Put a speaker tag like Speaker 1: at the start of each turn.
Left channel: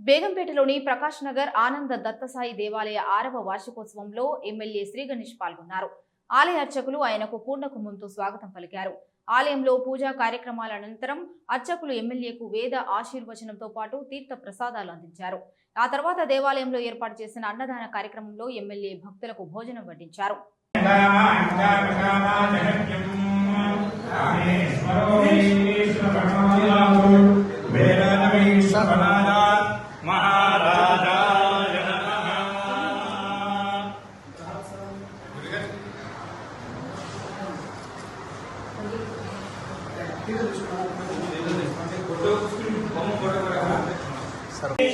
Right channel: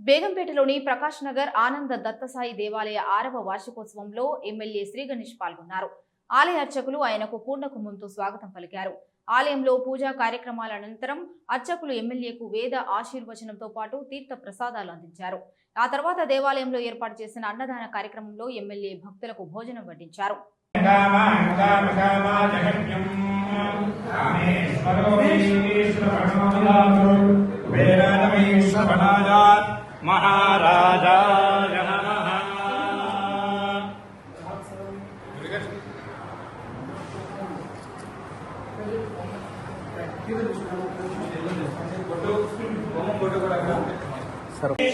Speaker 1: బేగంపేటలోని ప్రకాష్ నగర్ ఆనంద దత్తసాయి దేవాలయ ఆరవ వార్షికోత్సవంలో ఎమ్మెల్యే శ్రీ గణేష్ పాల్గొన్నారు ఆలయ అర్చకులు ఆయనకు పూర్ణకుంభంతో స్వాగతం పలికారు ఆలయంలో పూజా కార్యక్రమాల అనంతరం అర్చకులు ఎమ్మెల్యేకు వేద ఆశీర్వచనంతో పాటు తీర్థ ప్రసాదాలు అందించారు ఆ తర్వాత దేవాలయంలో ఏర్పాటు చేసిన అన్నదాన కార్యక్రమంలో ఎమ్మెల్యే భక్తులకు భోజనం వడ్డించారు
Speaker 2: శ్రీరం सर्वे